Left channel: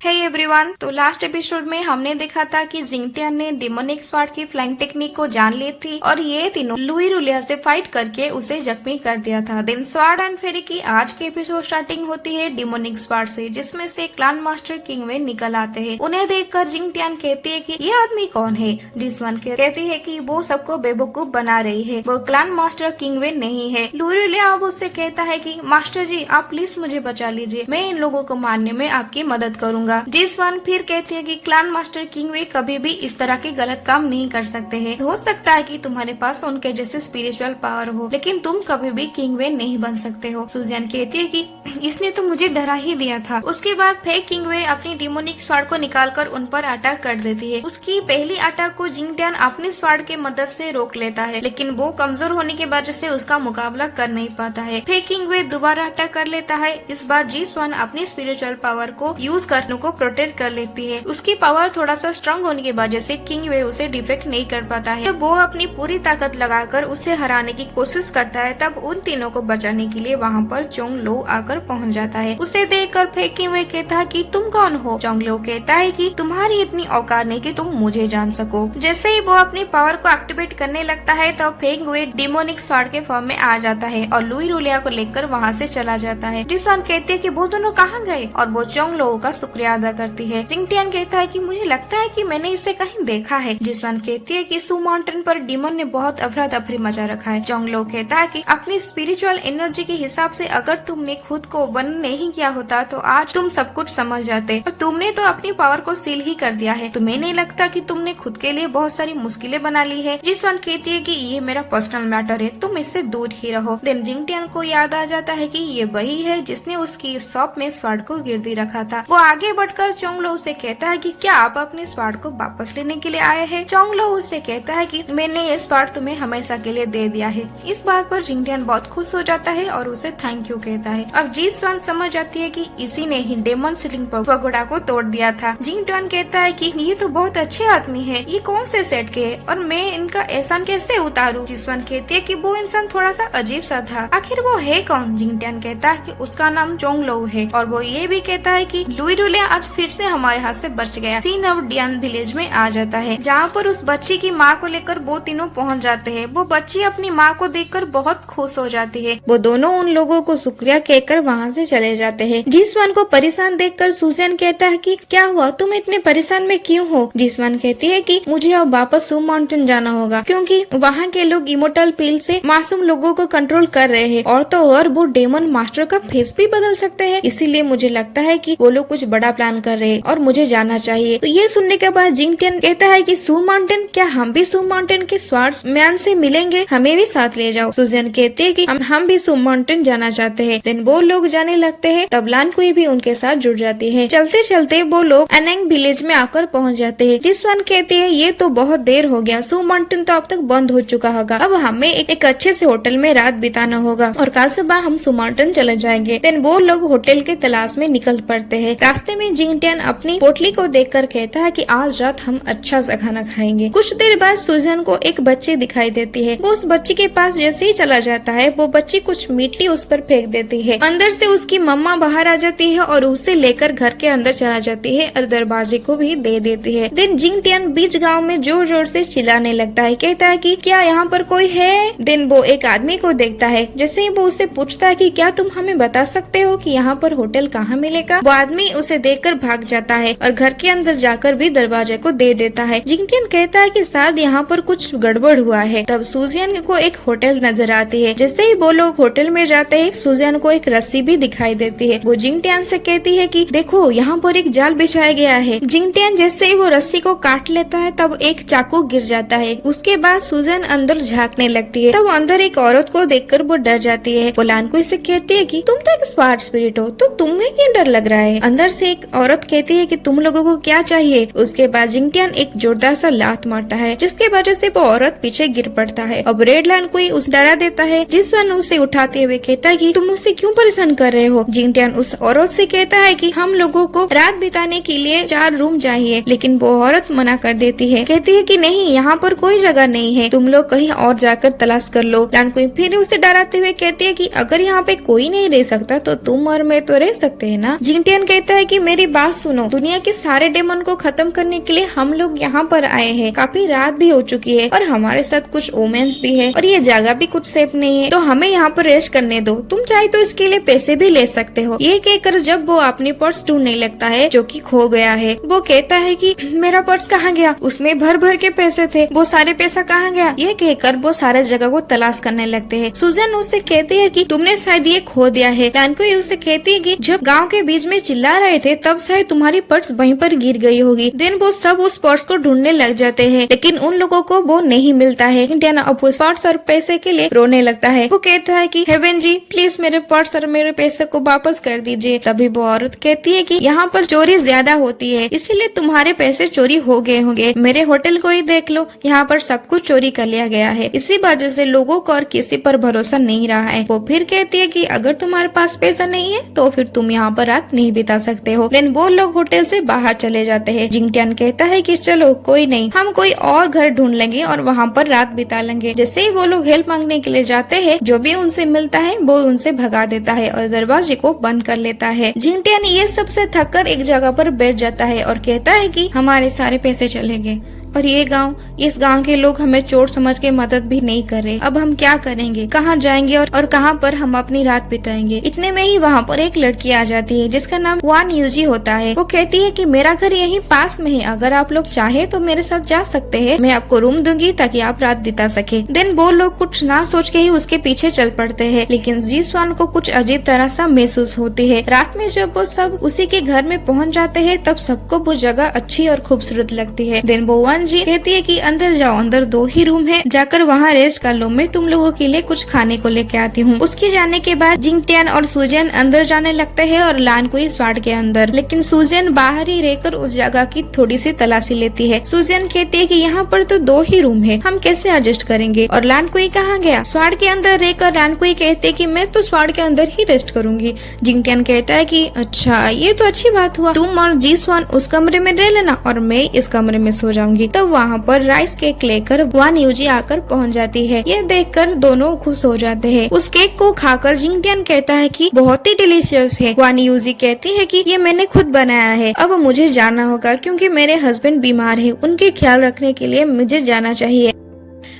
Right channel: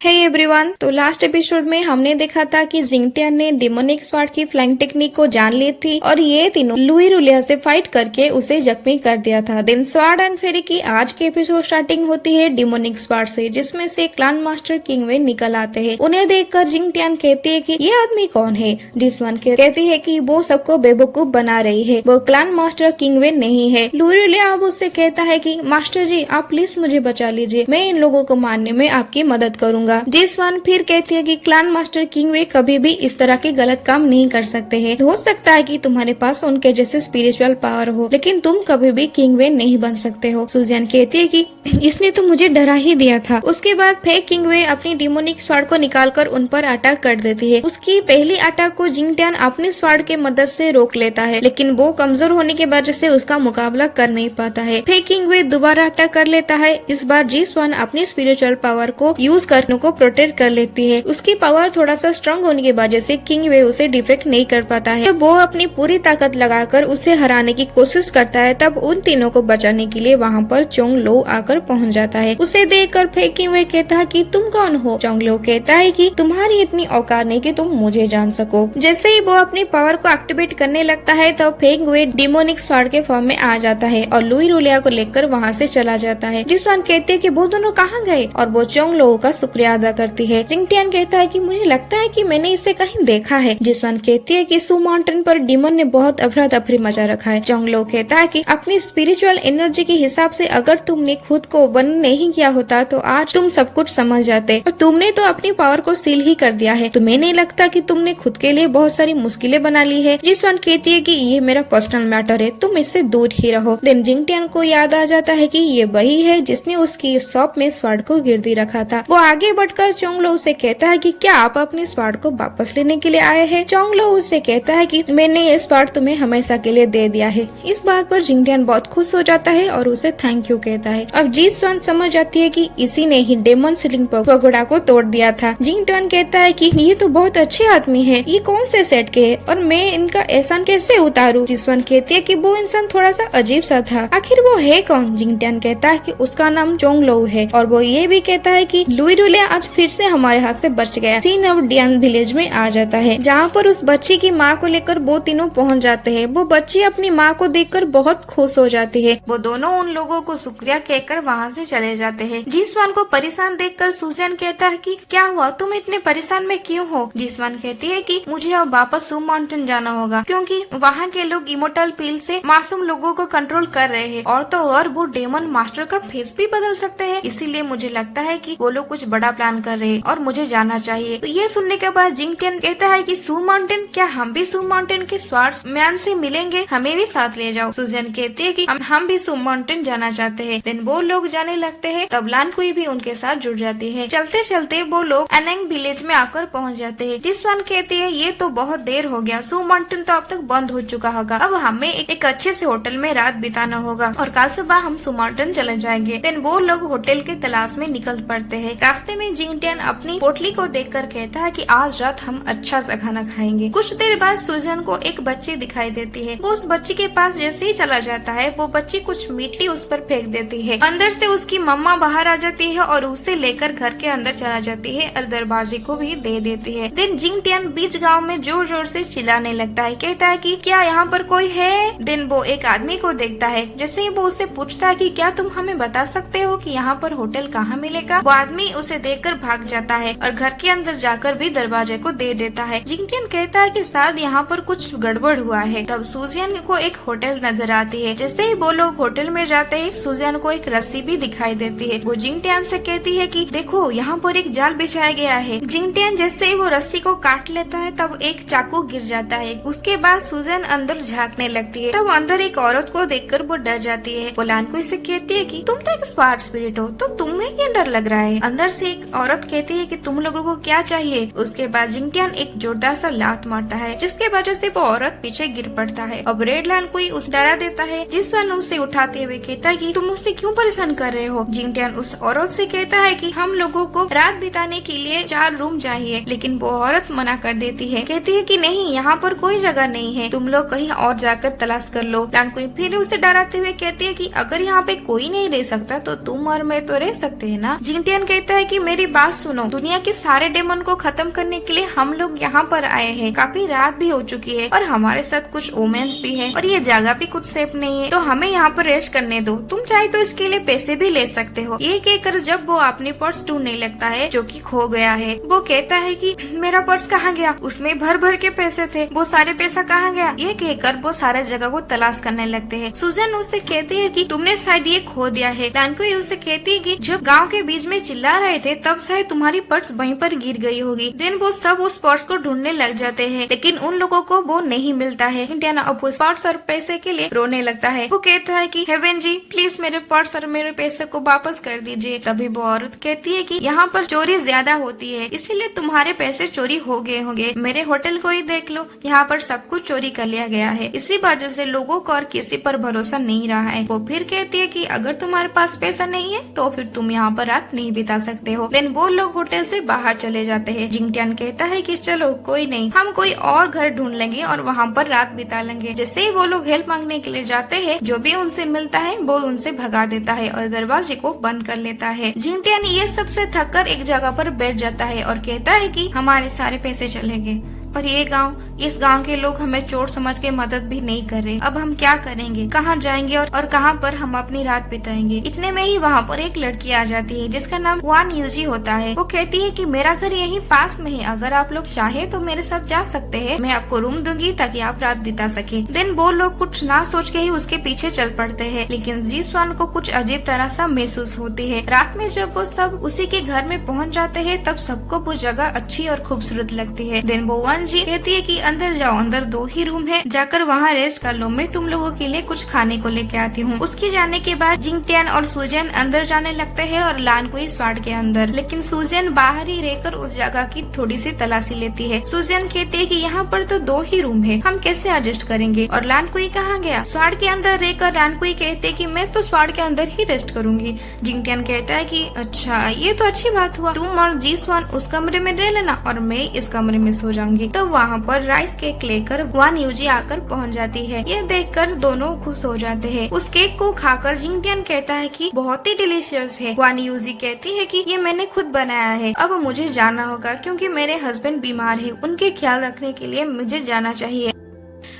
Hey everyone, तो last episode में हमने देखा था कि जिंगटियन ने डिमोनिक स्वॉर्ड की फ्लाइंग टेक्निक को जान ली थी और ये तीनों लुई रुलिया से फाइट करके उसे जख्मी कर दिया था। देन स्वॉर्ड एंड फेरी की आज की एपिसोड स्टार्टिंग होती है डिमोनिक स्वॉर्ड से, जिसमें से क्लान मास्टर किंगवे निकल आते हैं। उन्हें देखकर जिंगटियन कहती है कि ये आदमी कौन है। जिसवन कहती है कि वो सबको बेवकूफ बना रही है, वो क्लान मास्टर किंगवे नहीं है। लुई रुलिया अब उससे कहता है कि मास्टर जी, आप प्लीज मुझे बचा लीजिए, मैं इन लोगों को मारने में आपकी मदद करूंगा। जिसवन फिर कहती है कि क्लान मास्टर किंगवे कभी भी इस तरह के गलत काम नहीं कर सकते हैं। हो सकता है कि तुम्हारे पास उनके जैसे स्पिरिचुअल पावर हो, लेकिन तुम कभी भी किंगवे नहीं बन सकते हो। सुजियन कहती है कि इसने तो मुझे डरा ही दिया था। उसके बाद फेक किंगवे अपनी डिमोनिक स्वॉर्ड को निकालकर उन पर अटैक कर देती है। उसकी पहली अटैक को जिंगटियन अपनी स्वॉर्ड के मदद से रोक लेता है, लेकिन वो कमजोर होने की वजह से उसका मुकाबला कर नहीं पाता है। फेक किंगवे दोबारा अटैक कर लेता है। इस बार जिसवन अपनी स्पिरिचुअल पावर को यूज करने को प्रोटेक्ट कर लेती है। उसकी पावर थोड़ा सा स्ट्रांग होने की वजह से किंगवे उसे डिफेक्ट नहीं कर पाता है। वो अपनी पूरी ताकत लगाकर उसे हराने की कोशिश करता है। तब उन तीनों को बचाने के लिए वहाँ पर चोंग लो आकर पहुँच जाता है। उसे देखकर फेक किंगवे कहता है कि तुम कौन हो। चोंग लो कहता है कि तुम्हारी इतनी औकात नहीं कि तुम मुझे जान सको। जैसे ही वो अपनी पावर को एक्टिवेट करने लगता है तो फेक किंगवे डिमोनिक स्वॉर्ड के फॉर्म में आ जाता है और लुई रुलिया को लेकर वहाँ से चला जाता है। जिसवन कहती है कि वो दोनों कहाँ गए और वो चोंग लो का शुक्रिया अदा करती है। जिंगटियन कहता है कि मुझे लगता है कि मैंने इसे कहीं देखा है। जिसवन कहती है कि सू माउंटेन पर डिमन ने बहुत अफरा तफरी मचा रखा है। चोंग लो कहता है कि अपनी स्पिरिचुअल एनर्जी के हिसाब से अगर तुमने खुद को बंद नहीं किया होता तो आज तुम सब कुछ समझ जाते, और तुमने तो अपनी पावर को सील ही कर दिया है। तुम्हें नहीं लगता कि तुमने खुद के लिए बहुत सारी मुश्किलें बना ली है। जिसवन कहती है कि ये मेरा पर्सनल मैटर है, तुम इससे दूर ही रहो। देन जिंगटियन को याद आ जाता है कि ये वही है जिसने उसकी शॉप में स्वॉर्ड को गिरदी रखा था। वो आगे बढ़कर चोंग लो उसे कहता है कि क्या आप अपने स्वॉर्ड को वापस लेने के लिए आए हैं। चोंग लो उससे कहता है कि मैंने ये स्वॉर्ड तुम्हें हमेशा के लिए दे दिया है। इस बात पर जिंगटियन बहुत खुश हो जाता है और उसे थैंक यू कहता है। अब जिसवन समझ जाती है कि इसी ने ही डेमन सीलिंग पगोड़ा को तोड़ दिया था। जिंगटियन कहता है कि ये तो बहुत अच्छे आदमी है, ये कौन से सेट के है और मैं इनका एहसान कैसे उतारूं। जिसवन कहती है कि वो इंसान थोड़ा सा अजीब सा था, आखिर वो है कौन। जिंगटियन कहता है कि उसका नाम चोंग लो है और वो ये भी कहता है कि लुई रुलिया आज फिर से हमारे हाथ से बच गया। सीन अब डियन विलेज में आ जाता है, जहाँ पर उस बच्ची की माँ को लेकर वो तीनों पहुँच जाते हैं। वो बच्ची अपनी माँ को देखकर बहुत खुश हो जाती है। वो दोनों उन लोगों को शुक्रिया कहकर वहाँ से चले जाते हैं। जिसवन को परेशान देखकर सुजैन कहता है कि क्या हुआ, तुम इतने परेशान में क्यों हो। जिसवन कहती है कि मुझे अब वापस सू माउंटेन जाना होगा, क्योंकि वहाँ के लोग इमोर्टल पील से मासूम लोगों को कंट्रोल कर रहे हैं, और तो और वो डेमन मास्टर का फेस भी बदल सकते हैं। इसीलिए मुझे लगता है कि वो लोग कुछ बड़ा प्लान कर रहे हैं और मुझे जाना चाहिए। तो ये सुनने के बाद जिंगटियन कहता है कि सू माउंटेन, क्या हम भी सू माउंटेन के स्वॉर्ड मैन से मिलेंगे, हमें भी साथ ले जाओ। सुजैन कहती है कि हम भी सू माउंटेन जाना चाहते हैं। देन वो लोग जाने लगते हैं, तब लान कोई भी उनके साथ जुड़ जाती है। चलते चलते वो लोग एनेंग विलेज में आकर पहुंच जाते हैं। जिसवन कहती है ये तो बहुत देर हो गया, सू माउंटेन तो अब तक बंद हो चुका होगा, अब हमें एक अच्छे से होटल में रात बिताना होगा और कल सुबह हम सू माउंटेन चले जाएंगे। देन वो लोग होटल के तलाश में निकल पड़ते हैं। रास्ते में जिंगटियन अपनी पोटली को देखकर कहता है कि आज रात हम अच्छा सा खाना खाएंगे। कुछ देर बाद सुजन को एक बच्ची दिखाई देती है। वो उस बच्ची के पास जैसे ही चला जाता है, वो बच्ची कुछ मिट्टी उस पर फेंक देती है। अंदर से उसकी मम्मा बाहर आ जाती है और उसे लेकर घर के अंदर चला जाती है और दरवाजे को भी दे देती है। देन जिंगटियन बीच गांव में जोर जोर से चिल्लाने लगता है, कहता है कि क्या यहाँ पर कोई है। देन वो एक आदमी को देखता है। जैसे ही वो उससे पूछता है कि क्या तुम हमें बता सकते हो कि यहाँ पर होटल कहाँ मिलेगा, वो आदमी उसे देखकर भाग जाता है और घर के अंदर जाकर भी दरवाजे को दे देता है। जिंगटियन कहता है कि शायद यहाँ पर कुछ गड़बड़ हुआ है। तब सुजियन को एक होटल नजर आती है। जैसे ही वो लोग होटल में जाते हैं, सुजियन को एक रस्सी भी दिखाई देती है। वो जिंगटियन से कहती है कि देखो यहाँ पर एक जाल बिछाया गया है। जिंगटियन जैसे ही वो रस्सी को काट लेता है, तब एक चाकू गिर जाता है। उसके बाद सुजन अंदर झांकने लगती है। तब अंदर एक औरत को देखकर वो डर जाती है। वो लान को इसे कहती है कि तुम तो एक स्पार्ट स्पिरिट हो, तो तुम्हें क्यों डर लग रहा है। अंदर से एक औरत कहती है कि तुम लोगों को क्या चाहिए। उसके बाद जिंगटियन एक जोरदार सा लात मारता है, जिसके वजह से वो औरत पीछे गिर पड़ता है। अब रेड लाइन कोई उस डरा देता है। जिसवन उसे उठाते हुए कहता है कि तुम मुझसे क्यों परेशान कर रहे हो। जिंगटियन उस औरत से कहता है कि हम लोगों को रात बिताने के लिए 4 रूम चाहिए, लेकिन वो औरत मना कर देती है। कहती है कि नहीं, यहाँ पर कोई जगह नहीं है, तुम लोग कहीं और जाकर तलाश कर लो। लान कोई फिर उसे डराते हुए कहती है कि अगर यहाँ पे कोई नहीं रह सकता तो तुम और मैं तो रह सकते हैं ना। जिंगटियन कहता है कि मेरी बात सुनो, दुनिया के सारे डेमन को खत्म करने के लिए हम लोग यहाँ पर आए हैं। काफी रात भी हो चुकी है और हमारे साथ कुछ ओमेंस भी है और ये जगह भी कुछ सेफ नहीं है, तो हमें यहाँ पर रेस्ट करने दो। तुम चाहे तो इसके लिए पैसे भी ले सकते हो। ये कहकर जब वो अपनी पर्स ढूंढने लगता है जो कि खो गया है, वो कहता है कि मेरा पर्स कहाँ गया, उसमें भर भर के पैसे थे, वो सारे पैसा कहाँ गया। ये कहकर वो सारे जगह को तलाश करने लगते हैं। सुजन उससे कहती है कि तुमने शायद ये खो दिया है। लैनकुई उससे कहती है कि जब गांव के बीच में चिल्ला रहे थे तब शायद तुम्हारी पर्स वहीं पर गिर गई होगी। देन वो सब उस पर्स को ढूंढने लग जाते हैं, लेकिन उन लोगों को वो नहीं मिलता है। जिंटियन अब उस पर्स और पैसे के लिए रोने लगता है। वो कहता है कि हेवन जी प्लीज मेरे पर्स और मेरे पैसे को वापस कर दीजिए। तभी वो औरत कहती है कि यहाँ पर चोरी ज्यादा होती है, इसीलिए तुम्हारे पैसे चोरी हो गए होंगे। मेरे होटल को ही देख लो, यहाँ पर सब कुछ चोरी कर लिया गया है। इसी वजह से लोगों को और किसी पर भरोसा नहीं रहा है। वो फिर कहती है कि अगर तुम्हारे पास पैसा नहीं है तो फिर तुम यहाँ पर रात नहीं बिता सकते हो। देन वो लोग होटल से बाहर चले जाते हैं। जिंगटियन कहता है कि चलो कोई नहीं, हम कोई और घर ढूंढ लेंगे और वहाँ पर रात बिता लेंगे। जैसे ही वो लोग हेल्प मांगने के लिए जाते हैं, जो भी उनसे मिलता है वो उनसे भगा देता है और दरवाजे को बंद कर लेता है। जिंगटियन ये सबसे थक कर एक जगह पर बैठ जाता है और कहता है कि हमारे सारे पैसे चलेंगे और ये गांव, इस गांव के लोग हमें चोर समझ के मदद भी नहीं कर रहे। अब हम क्या करेंगे, कहाँ जाएंगे और कहाँ पर हम अपनी रात बिताएंगे। इतने में ही वहाँ पर एक लड़की आ जाती है जिसका नाम वान यूजी होता है। वो कहती है कि मेरा घर यहीं पास में है, अगर आप लोग चाहे तो मेरे साथ जा सकते हैं, मैं आपको रूम दूंगी ताकि आप रात बिता सके। देन वो लोग कुछ ना सोच के ही उसके पीछे चल पड़ते हैं, लेकिन जी स्वान को कुछ अजीब तरह सा महसूस होती है। रात में जब वो सब उसी के घर में पहुँच जाते हैं तब सबको वो जगह अच्छी और खूबसूरत लगती है। देन वो वान जी कहती है कि अंदर जाओ, अंदर 2 ही रूम है, जाकर वहाँ रेस्ट कर लो, मैं तुम लोगों के लिए कुछ खाने को लेके आती हूँ। उसके जाने के बाद जिंगटियन और सुजन अंदर जाने लगते हैं और लानकुई स्वाड के अंदर, लेकिन सुजन बाहर ही रहकर उस जगह की थोड़ी सी तलाशी लेती है। सुजन कहती है कि यहाँ पर तो 2 ही रूम है, हम कैसे एडजस्ट करेंगे। और लानकुई कहाँ गया। स्वाड के अंदर रहकर लानकुई कहते कि मैं तो स्वाड के अंदर ही रेस्ट करूंगी। जिंगटियन कहता है कि अच्छा ये तो अच्छी बात हुआ, तुम और जी स्वान उस कमरे में रह लेना और मैं इस कमरे में सो जाऊंगी। तब वहाँ पर राइस केक लेकर वान यूजी आकर पहुँच जाती है। यह देखकर दोनों खुश हो जाते हैं। उस केक को खाकर जिंगटियन कहता है कि बहुत ही डिलीशियस है। वान यूजी कहती है कि ये मैंने खुद बनाया है, अब मुझे जाना होगा क्योंकि मेरे हस्बैंड बीमार है, उनके ख्याल रखने के लिए मुझे जाना चाहिए।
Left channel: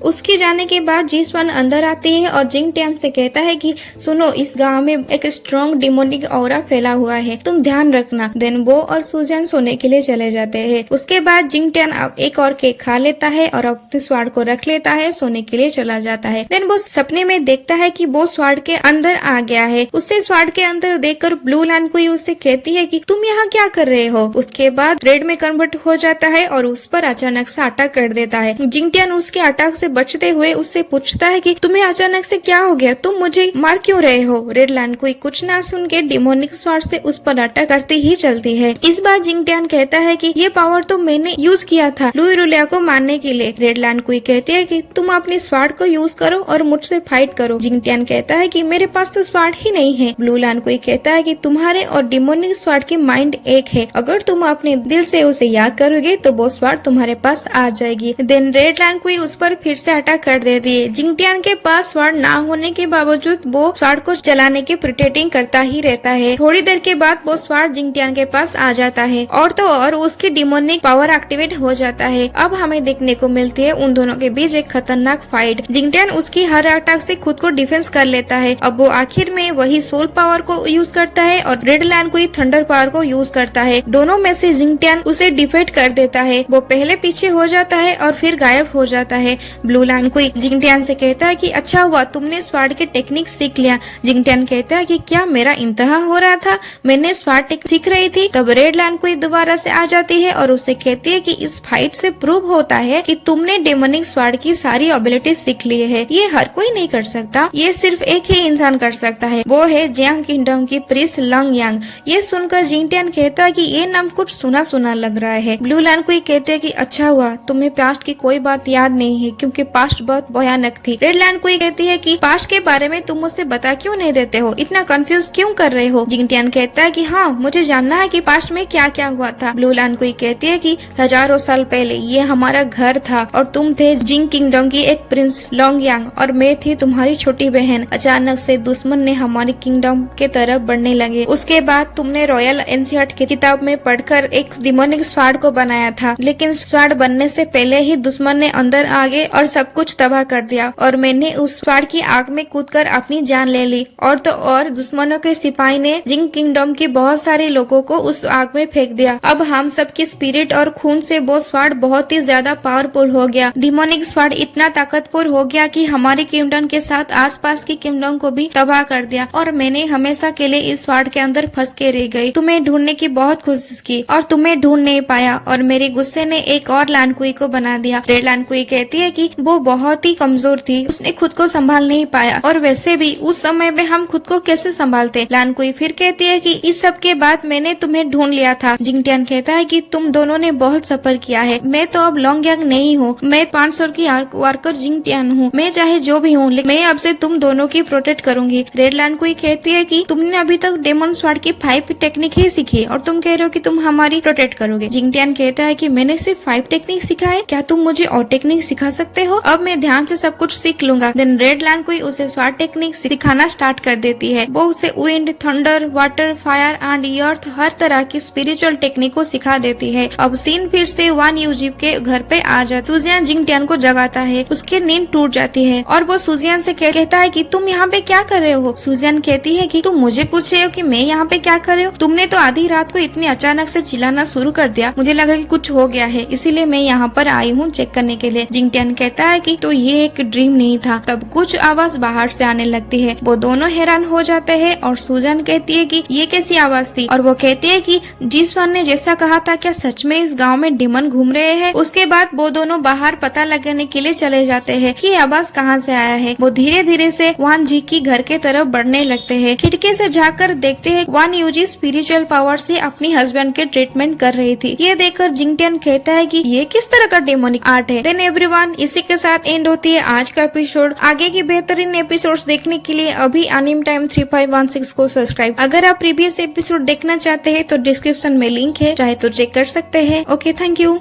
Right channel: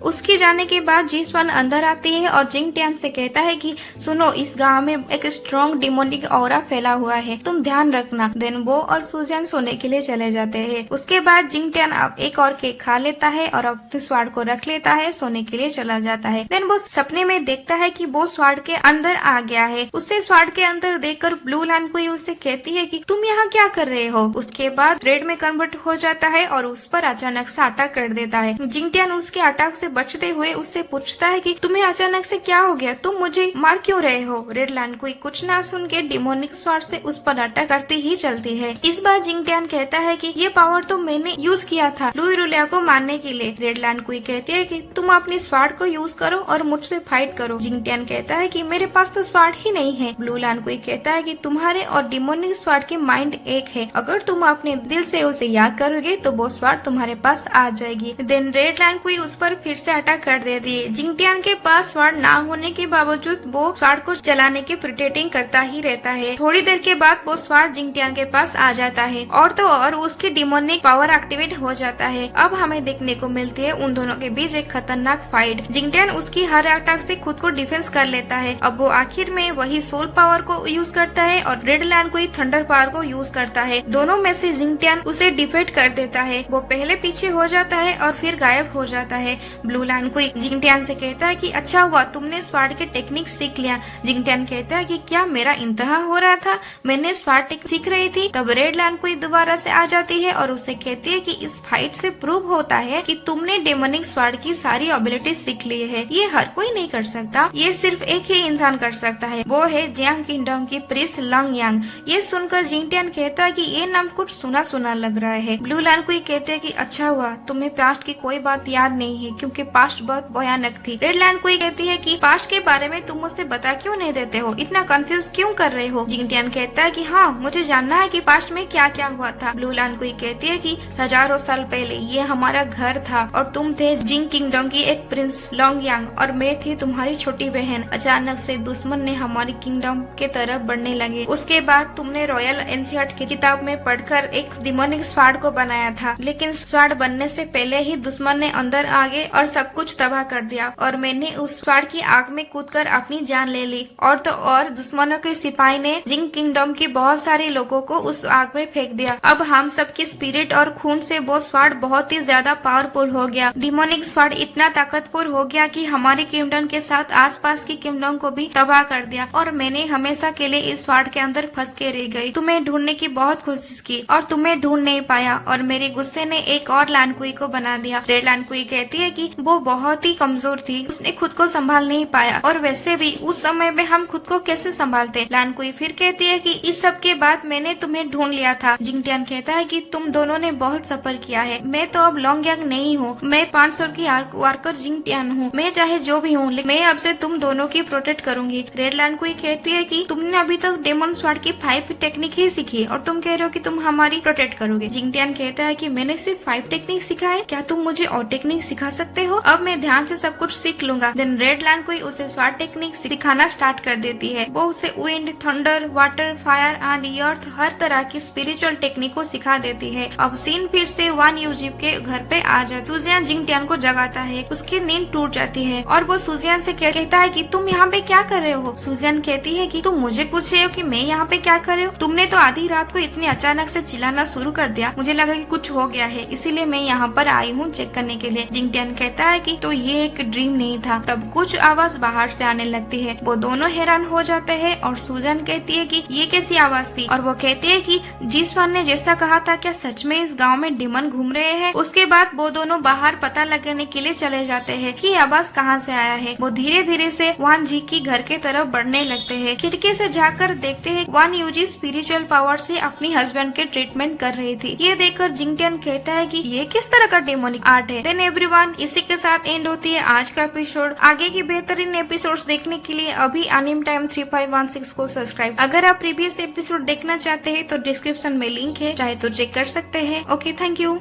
उसके जाने के बाद जीसवान अंदर आती है और जिंगटियन से कहता है कि सुनो, इस गांव में एक स्ट्रॉन्ग डिमोनिक ऑरा फैला हुआ है, तुम ध्यान रखना। देन वो और सुजन सोने के लिए चले जाते हैं। उसके बाद जिंगटियन एक और केक खा लेता है और अपने स्वाड को रख लेता है, सोने के लिए चला जाता है। देन वो सपने में देखता है कि वो स्वाड के अंदर आ गया है। उससे स्वाड के अंदर देखकर ब्लू लानकुई उससे कहती है कि तुम यहाँ क्या कर रहे हो। उसके बाद रेड में कन्वर्ट हो जाता है और उस पर अचानक से अटैक कर देता है। जिंगटियन उसके अटैक से बचते हुए उससे पूछता है कि तुम्हें अचानक से क्या हो गया, तुम मुझे मार क्यों रहे हो। रेड लानकुई कुछ ना सुन के डिमोनिक स्वाड से उस पर अटैक करती ही चलती है। इस बार जिंगटियन कहता है कि ये पावर तो मैंने यूज किया था लुई रुलिया को मारने के लिए। रेड लानकुई कहती है कि तुम अपनी स्वाड को यूज करो और मुझसे फाइट करो। जिंगटियन कहता है कि मेरे पास तो स्वाड ही नहीं है। ब्लू लानकुई कहता है कि तुम्हारे और डिमोनिक स्वाड की माइंड एक है, अगर तुम अपने दिल से उसे याद करोगे तो वो स्वाड तुम्हारे पास आ जाएगी। देन रेड लानकुई उस पर फिर से अटैक कर देती है। जिंगटियन के पास स्वाड ना होने के बावजूद वो स्वाड को चलाने की प्रिटेंडिंग करता ही रहता है। थोड़ी देर के बाद वो स्वाड जिंगटियन के पास आ जाता है और तो और उसकी डिमोनिक पावर एक्टिवेट हो जाता है। अब हमें देखने को मिलती है उन दोनों के बीच एक खतरनाक फाइट। जिंगटियन उसकी हर अटैक से खुद को डिफेंस कर लेता है। अब वो आखिर में वही सोल पावर को यूज करता है और रेड लानकुई थंडर पावर को यूज करता है। दोनों में से जिंगटियन उसे डिफीट कर देता है। वो पहले पीछे हो जाता है और फिर गायब हो जाता है। ब्लू लानकुई जिंगटियन से कहता है कि अच्छा हुआ तुमने स्वाड के टेक्निक सीख लिया। जिंगटियन कहता है कि क्या मेरा इंतहा हो रहा था, मैंने स्वाड टेक्निक सीख रही थी। तब रेड लानकुई दोबारा से आ जाती है और उसे कहती है कि इस फाइट से प्रूव होता है कि तुमने डेमोनिक स्वाड की सारी एबिलिटी सीख ली है। ये हर कोई नहीं कर सकता, ये सिर्फ एक ही इंसान कर सकता है, वो है जियांग किंगडम की प्रिंस लंग यांग। ये सुनकर जिंगटियन कहता है कि ये नाम कुछ सुना सुना लग रहा है। ब्लू लानकुई कहते हैं कि अच्छा हुआ तुम्हें पास्ट की कोई बात याद नहीं है, क्योंकि की पास्ट बहुत भयानक थी। रेड लैंड कोई कहती है कि पास्ट के बारे में तुम मुझसे बता क्यों नहीं देते हो, इतना कंफ्यूज क्यों कर रहे हो। जिंगटियान कहता है कि हाँ मुझे जानना है कि पास्ट में क्या क्या हुआ था। ब्लू लैंड कोई कहती है कि हजारों साल पहले ये हमारा घर था और तुम थे जिंग किंगडम की एक प्रिंस लॉन्ग यांग और मैं थी तुम्हारी छोटी बहन। अचानक से दुश्मन ने हमारी किंगडम के तरफ बढ़ने लगे। उसके बाद तुमने रॉयल एनसीईआरटी की किताब में पढ़कर एक डिमोनिक स्वार्ड को बनाया था, लेकिन स्वार्ड बनने से पहले ही दुश्मन ने अंदर आ गए और सब कुछ तबाह कर दिया और मैंने उस स्वार्ड की आग में कूदकर अपनी जान ले ली। और तो और दुश्मनों के सिपाही ने जिंग किंगडम के बहुत सारे लोगों को उस आग में फेंक दिया। अब हम सबकी स्पिरिट और खून से वो स्वार्ड बहुत ही ज्यादा पावरफुल हो गया। डिमोनिक स्वार्ड इतना ताकतवर हो गया कि हमारी किंगडम के साथ आसपास की किंगडम को भी तबाह कर दिया और मैंने हमेशा के लिए इस स्वार्ड के अंदर फंस के रह गई। तुम्हें ढूंढने की बहुत कोशिश की और तुम्हें ढूंढ नहीं पाया और मेरे गुस्से ने एक और लैंड क्वीन को बना दिया। रेड लैंड क्वीन कहती है कि वो बहुत ही कमजोर थी, उसने खुद को संभाल नहीं पाया और वैसे भी उस समय में हम खुद को कैसे संभालते। लैंड क्वीन फिर कहती है कि इस सब के बाद मैंने तुम्हें ढूंढ लिया था। जिंगटियान कहता है कि तुम दोनों ने बहुत सफर किया है, मैं तो अब लॉन्ग यांग नहीं हूँ, मैं 500 की वार्कर जिंगटियान हूँ। मैं चाहे जो भी हूँ लेकिन मैं अब से तुम दोनों की प्रोटेक्ट करूंगी। रेड लैंड क्वीन कहती है कि तुमने अभी तक डेमन स्वॉर्ड की 5 टेक्निक ही सीखी और तुम कह रहे हो कि तुम हमारी प्रोटेक्ट करोगे। जिंगटियान कहता है कि मैंने सिर्फ 5 टेक्निक सीखा है, क्या तुम मुझे और टेक्निक सिखा सकते हो? अब मैं ध्यान से सब कुछ सीख लूंगा। देन रेड लैंड क्वीन उसे स्वॉर्ड टेक्निक सिखाना स्टार्ट कर देती है। वो उसे wind, thunder, water, fire and earth हर तरह की स्पिरिचुअल टेक्निक को सिखा देती है। अब सीन फिर से वान यूजिप के घर पे आ जाता। सुजियान जिंगटियान को जगाता है, उसकी नींद टूट जाती है और वो सुजियान से कहता है कि तुम यहाँ पे क्या कर रहे हो। सुजियान कहती है कि तुम मुझे पूछ रहे हो कि मैं यहाँ पे क्या कर रहे हो? तुमने तो आधी रात को इतनी अचानक से चिल्लाना शुरू कर दिया, मुझे लगा कि कुछ हो गया है, इसीलिए मैं यहाँ पर आई हूँ चेक करने के लिए। जिंगटियान कहता है कि तो ये एक ड्रीम नहीं था। तब कुछ आवाज बाहर से आने लगती है, वो दोनों हैरान हो जाते हैं और सुजान कहती है कि ये कैसी आवाज थी और वो कहती है कि जिसवान ने जैसा कहा था क्या सच में इस गाँव में डिमन घूम रहे हैं। उसके बाद वो दोनों बाहर पता लगाने के लिए चले जाते हैं कि आवाज कहाँ से आया है। वो धीरे धीरे से वान जी की घर के तरफ बढ़ने लगते हैं। खिड़की से झांककर देखते हैं वान यूजी स्पिरिचुअल पावर से अपनी हस्बैंड के ट्रीटमेंट कर रही थी। ये देखकर जिंगटियान कहता है कि ये किस तरह का डेमोनिक आर्ट है। देन एवरीवन, इसी के साथ एंड होती है आज का एपिसोड। आगे की बेहतरीन एपिसोड्स देखने के लिए अभी एनिम टाइम 3516 को सब्सक्राइब। अगर आप प्रीवियस एपिसोड देखना चाहते हैं तो डिस्क्रिप्शन में लिंक है, चाहे तो चेक कर सकते हैं। Okay, thank you.